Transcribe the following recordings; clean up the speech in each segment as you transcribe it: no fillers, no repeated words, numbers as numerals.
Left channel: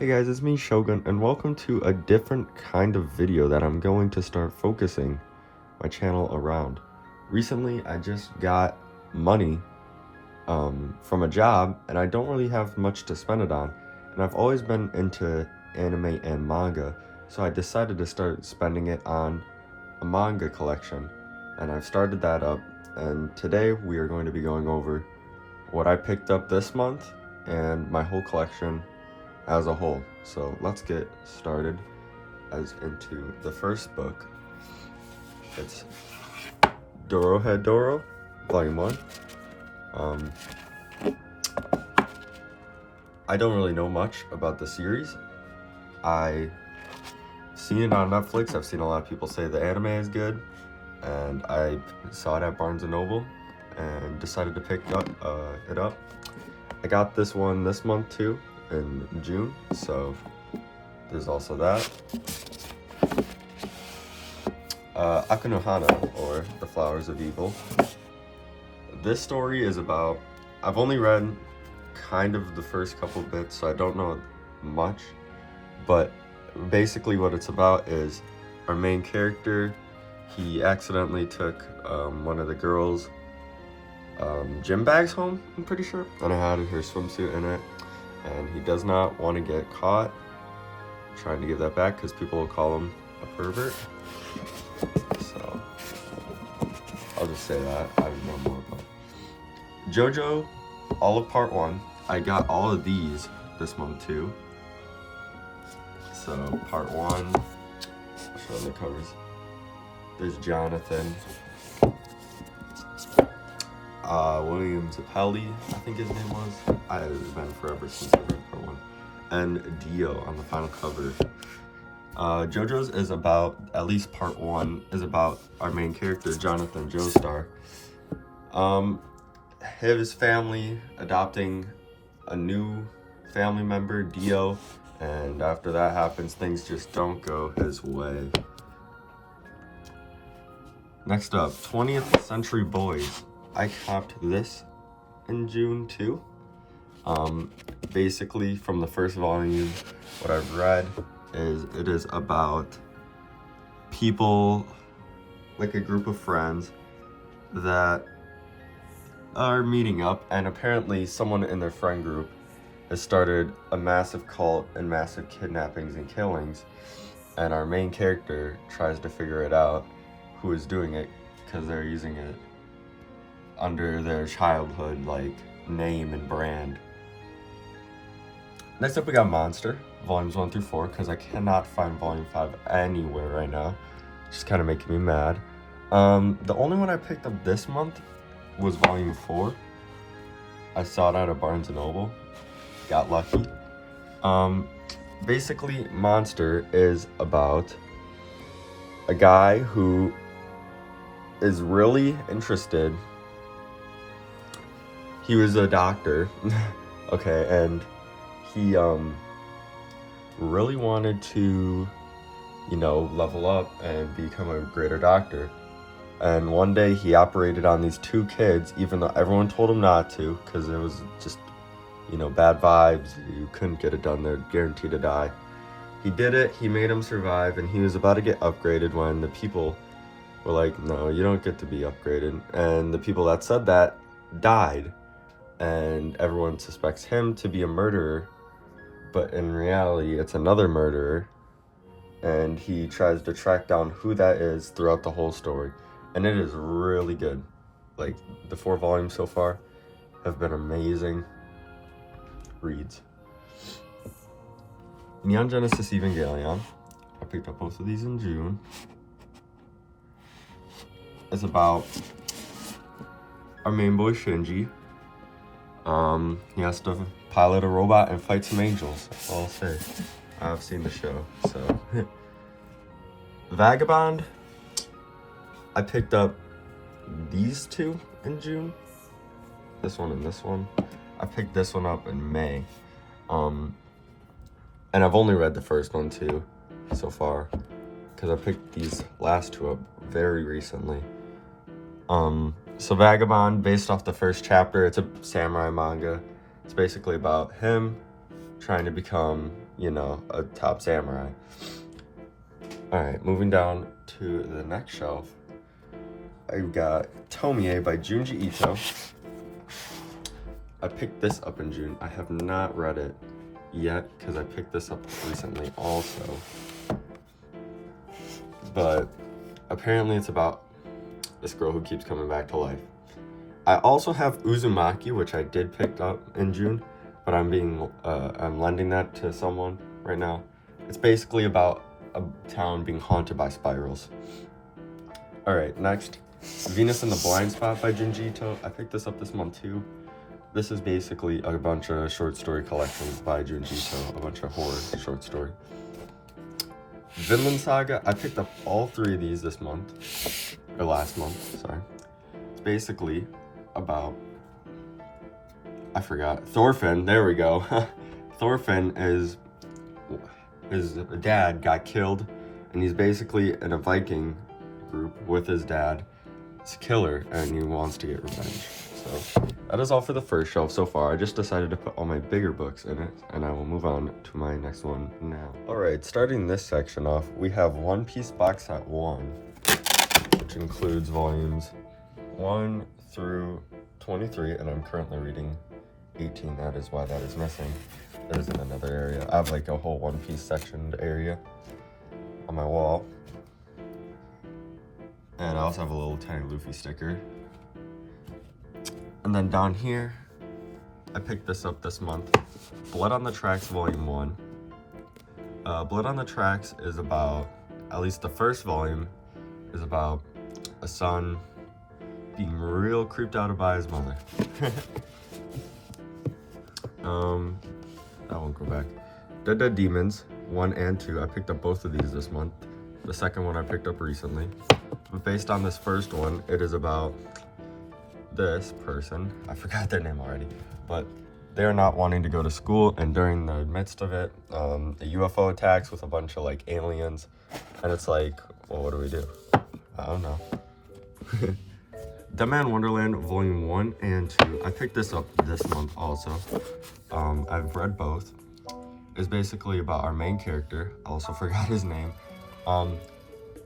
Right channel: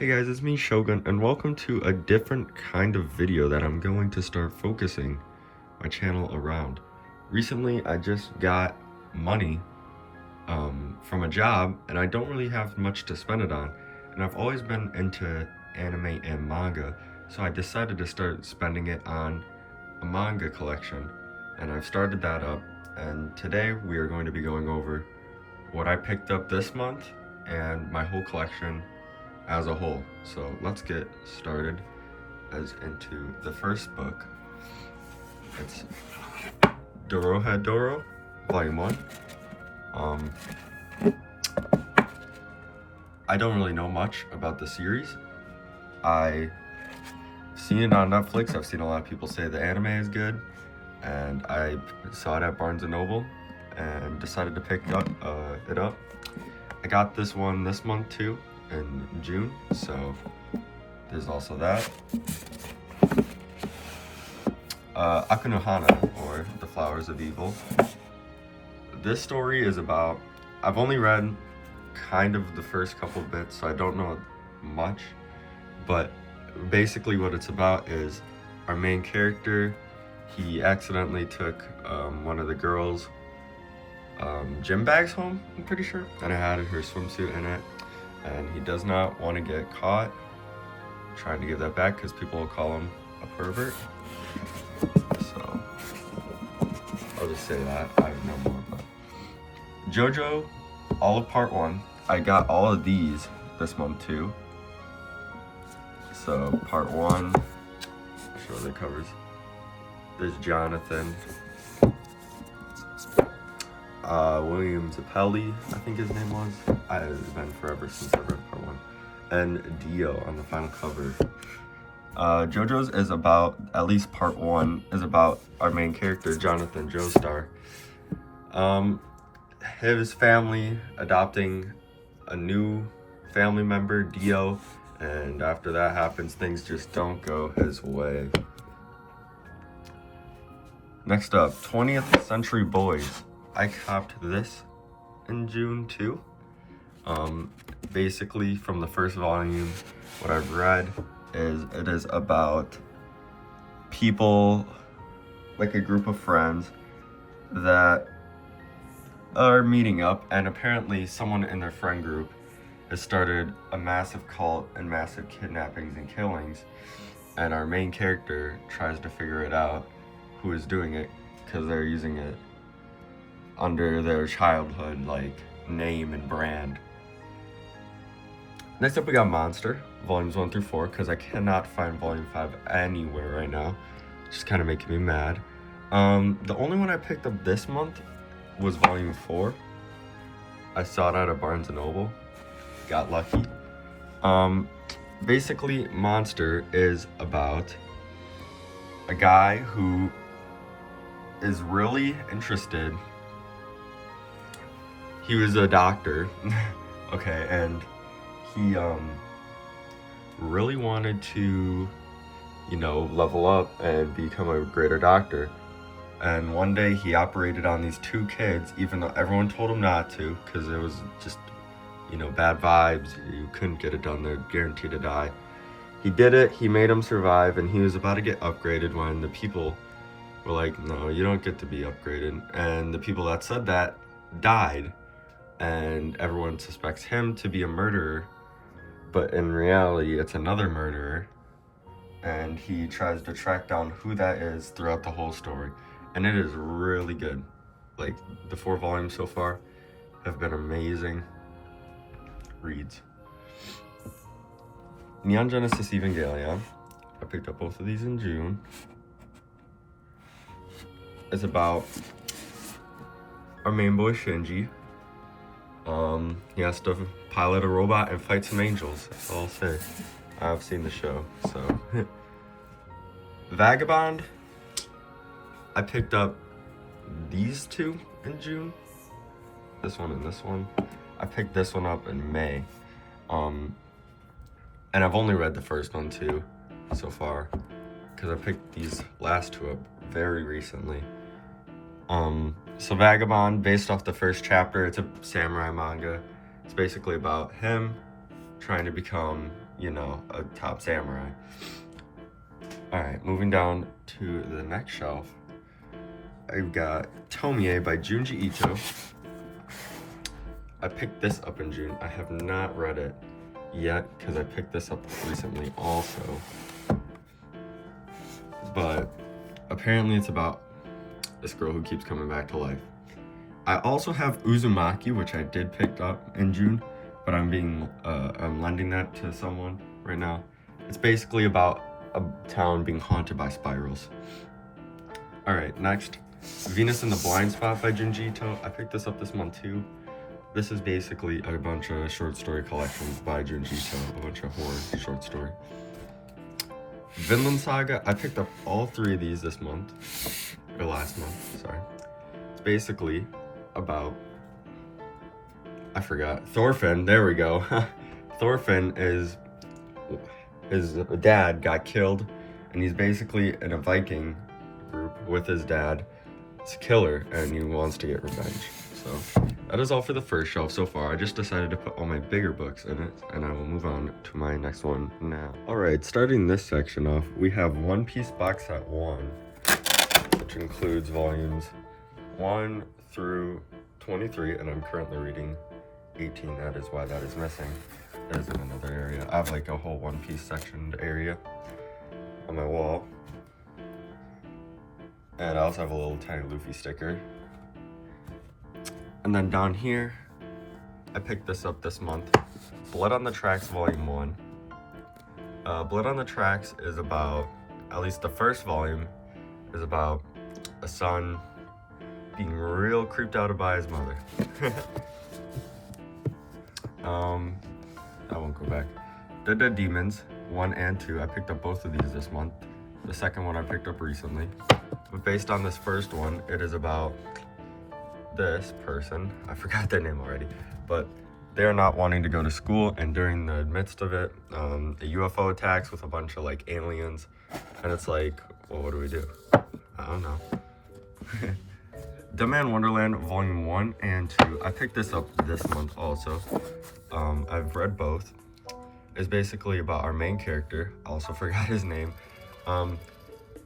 Hey guys, it's me Shogun, and welcome to a different kind of video that I'm going to start focusing my channel around. Recently, I just got money from a job, and I don't really have much to spend it on. And I've always been into anime and manga, so I decided to start spending it on a manga collection. And I've started that up, and today we are going to be going over what I picked up this month and my whole collection as a whole. So let's get started as into the first book. It's Doro, Volume 1. I don't really know much about the series. I've seen it on Netflix. I've seen a lot of people say the anime is good, and I saw it at Barnes & Noble and decided to pick it up. I got this one this month too, in June, so there's also that. Akunohana, or The Flowers of Evil. This story is about, I've only read kind of the first couple bits, so I don't know much, but basically what it's about is our main character, he accidentally took one of the girls' gym bags home, I'm pretty sure, and it had her swimsuit in it, and he does not want to get caught trying to give that back because people will call him a pervert. So I'll just say that. I don't know more, but JoJo, all of part 1. I got all of these this month too. So part 1, I'll show the covers. There's Jonathan, William Zappelli, I think his name was. It's been forever since I read part 1. And Dio on the final cover. JoJo's is about, at least part 1, is about our main character, Jonathan Joestar. His family adopting a new family member, Dio, and after that happens, things just don't go his way. Next up, 20th Century Boys. I copped this in June too. Basically, from the first volume, what I've read is it is about people, like a group of friends that are meeting up, and apparently someone in their friend group has started a massive cult and massive kidnappings and killings, and our main character tries to figure it out who is doing it because they're using it under their childhood like name and brand. Next up we got Monster, volumes 1 through 4, because I cannot find volume 5 anywhere right now. Just kind of making me mad. The only one I picked up this month was volume 4. I saw it at a Barnes & Noble. Got lucky. Basically, Monster is about a guy who is really interested. He was a doctor, okay, and he really wanted to, level up and become a greater doctor. And one day he operated on these 2 kids, even though everyone told him not to, because it was just, bad vibes. You couldn't get it done. They're guaranteed to die. He did it. He made them survive, and he was about to get upgraded when the people were like, no, you don't get to be upgraded. And the people that said that died. And everyone suspects him to be a murderer, but in reality, it's another murderer. And he tries to track down who that is throughout the whole story. And it is really good. Like, the 4 volumes so far have been amazing reads. Neon Genesis Evangelion. I picked up both of these in June. It's about our main boy Shinji. He has to pilot a robot and fight some angels. That's all I'll say. I've seen the show, so. Vagabond. I picked up these 2 in June. This one and this one. I picked this one up in May. And I've only read the first one too, so far. Because I picked these last 2 up very recently. So Vagabond, based off the first chapter, it's a samurai manga. It's basically about him trying to become, you know, a top samurai. Alright, moving down to the next shelf, I've got Tomie by Junji Ito. I picked this up in June. I have not read it yet because I picked this up recently also. But apparently it's about this girl who keeps coming back to life. I also have Uzumaki, which I did pick up in June, but I'm lending that to someone right now. It's basically about a town being haunted by spirals. Alright, next, Venus in the Blind Spot by Junji Ito. I picked this up this month too. This is basically a bunch of short story collections by Junji Ito, a bunch of horror short story. Vinland Saga, I picked up all 3 of these this month, or last month, sorry. It's basically about, I forgot, Thorfinn, there we go. Thorfinn is, his dad got killed, and he's basically in a Viking group with his dad's killer, and he wants to get revenge. So that is all for the first shelf so far. I just decided to put all my bigger books in it, and I will move on to my next one now. Alright, starting this section off, we have One Piece Box Set 1, which includes volumes 1 through 23, and I'm currently reading 18. That is why that is missing. There's in another area. I have like a whole One Piece sectioned area on my wall. And I also have a little tiny Luffy sticker. And then down here, I picked this up this month. Blood on the Tracks Volume 1. Blood on the Tracks is about, at least the first volume, is about a son being real creeped out by his mother. I won't go back. Dead Demons 1 and 2. I picked up both of these this month. The second one I picked up recently. But based on this first one, it is about this person, I forgot their name already, but they're not wanting to go to school, and during the midst of it, a UFO attacks with a bunch of like aliens, and it's like, well, what do we do? I don't know. Dead Man Wonderland Volume 1 and 2. I picked this up this month also. I've read both. It's basically about our main character. I also forgot his name.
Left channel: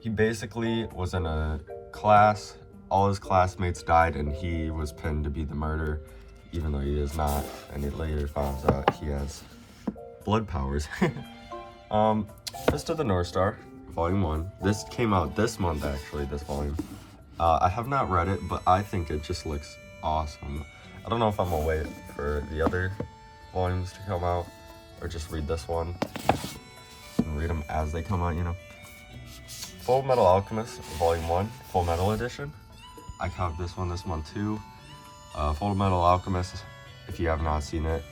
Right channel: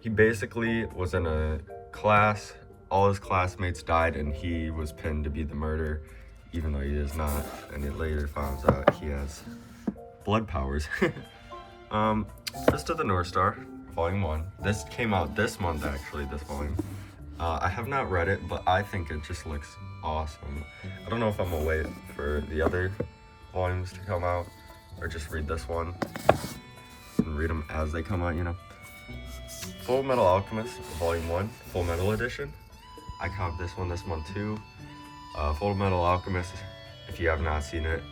He basically was in a class. All his classmates died, and he was pinned to be the murderer, even though he is not. And it later finds out he has blood powers. Fist of the North Star, Volume 1. This came out this month, actually, this volume. I have not read it, but I think it just looks awesome. I don't know if I'm gonna wait for the other volumes to come out, or just read this one and read them as they come out, you know. Full Metal Alchemist, Volume 1, Full Metal Edition. I have this one this month too. Full Metal Alchemist, if you have not seen it,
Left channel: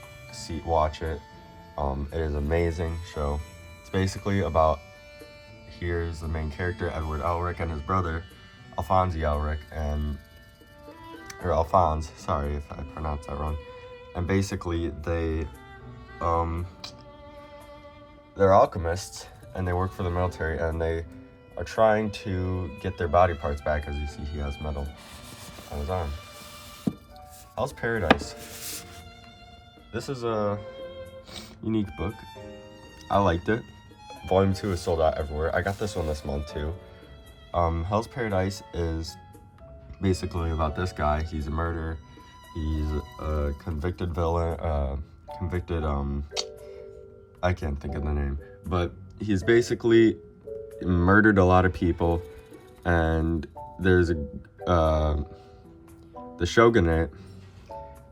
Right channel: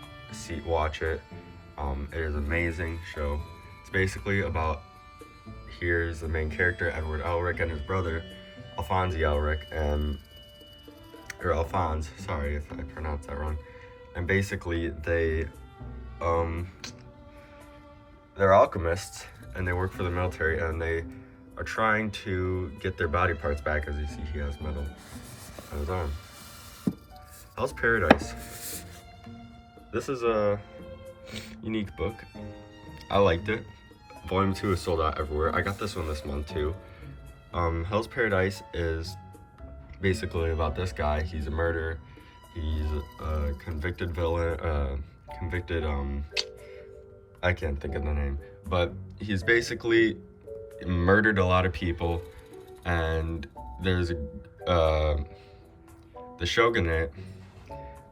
watch it. It is an amazing show. It's basically about, here's the main character, Edward Elric, and his brother, Alphonse Elric, or Alphonse, sorry if I pronounced that wrong. And basically they're alchemists, and they work for the military, and they are trying to get their body parts back. As you see, he has metal on his arm. Hell's Paradise. This is a unique book. I liked it. Volume 2 is sold out everywhere. I got this one this month too. Hell's Paradise is basically about this guy. He's a murderer. He's a convicted villain, I can't think of the name, but he's basically murdered a lot of people, and there's the shogunate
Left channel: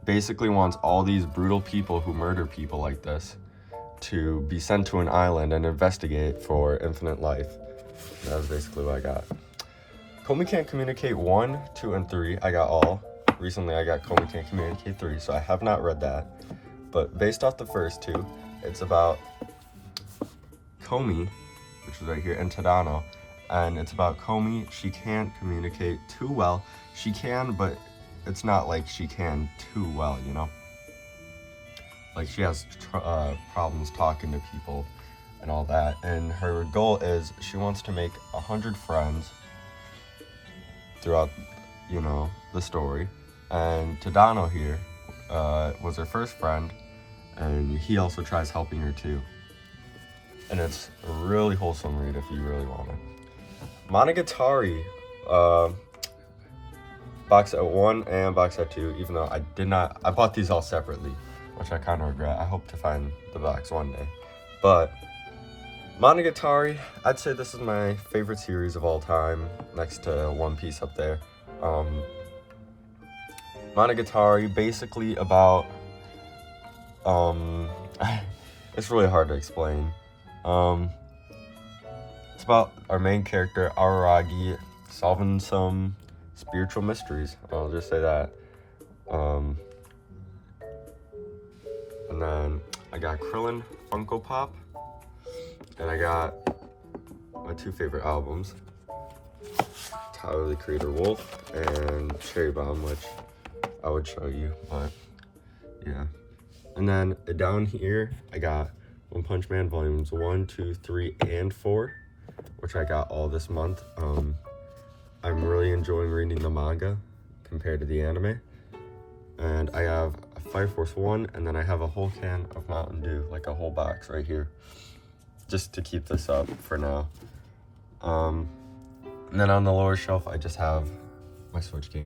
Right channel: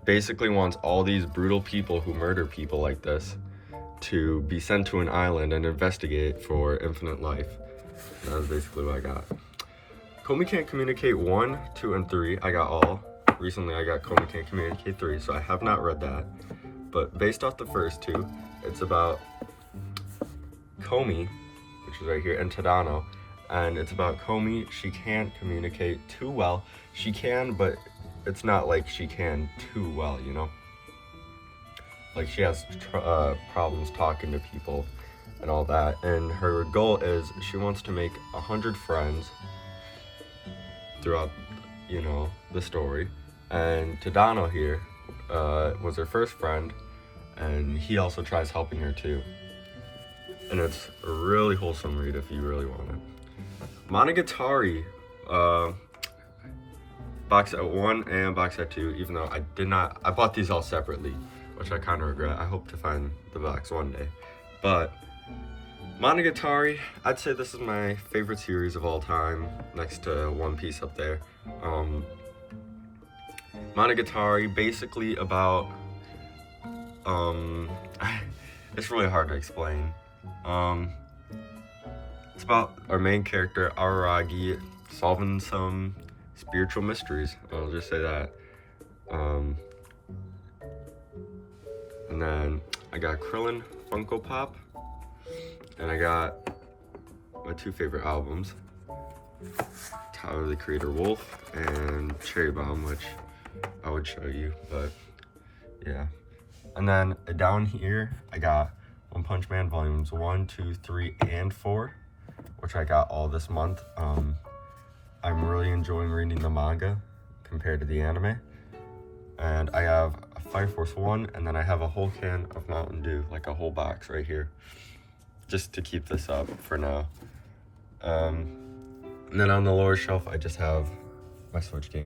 basically wants all these brutal people who murder people like this to be sent to an island and investigate for infinite life. And that was basically what I got. Komi Can't Communicate 1, 2, and 3, I got all. Recently I got Komi Can't Communicate 3, so I have not read that. But based off the first two, it's about Komi, which is right here, and Tadano. And it's about Komi. She can't communicate too well. She can, but it's not like she can too well, you know? Like, she has problems talking to people and all that. And her goal is she wants to make 100 friends throughout, you know, the story. And Tadano here was her first friend, and he also tries helping her too. and it's a really wholesome read if you really want it. Monogatari, box set 1 and box set 2, even though I bought these all separately, which I kind of regret. I hope to find the box one day. But Monogatari, I'd say this is my favorite series of all time, next to One Piece up there. Monogatari, basically about, it's really hard to explain. It's about our main character, Araragi, solving some spiritual mysteries. I'll just say that. And then I got Krillin Funko Pop, and I got my 2 favorite albums, Tyler the Creator Wolf and Cherry Bomb, which I would show you, but yeah. And then down here, I got One Punch Man volumes 1, 2, 3, and 4, which I got all this month. I'm really enjoying reading the manga compared to the anime. And I have a Fire Force 1, and then I have a whole can of Mountain Dew, like a whole box right here, just to keep this up for now. And then on the lower shelf, I just have my Switch game.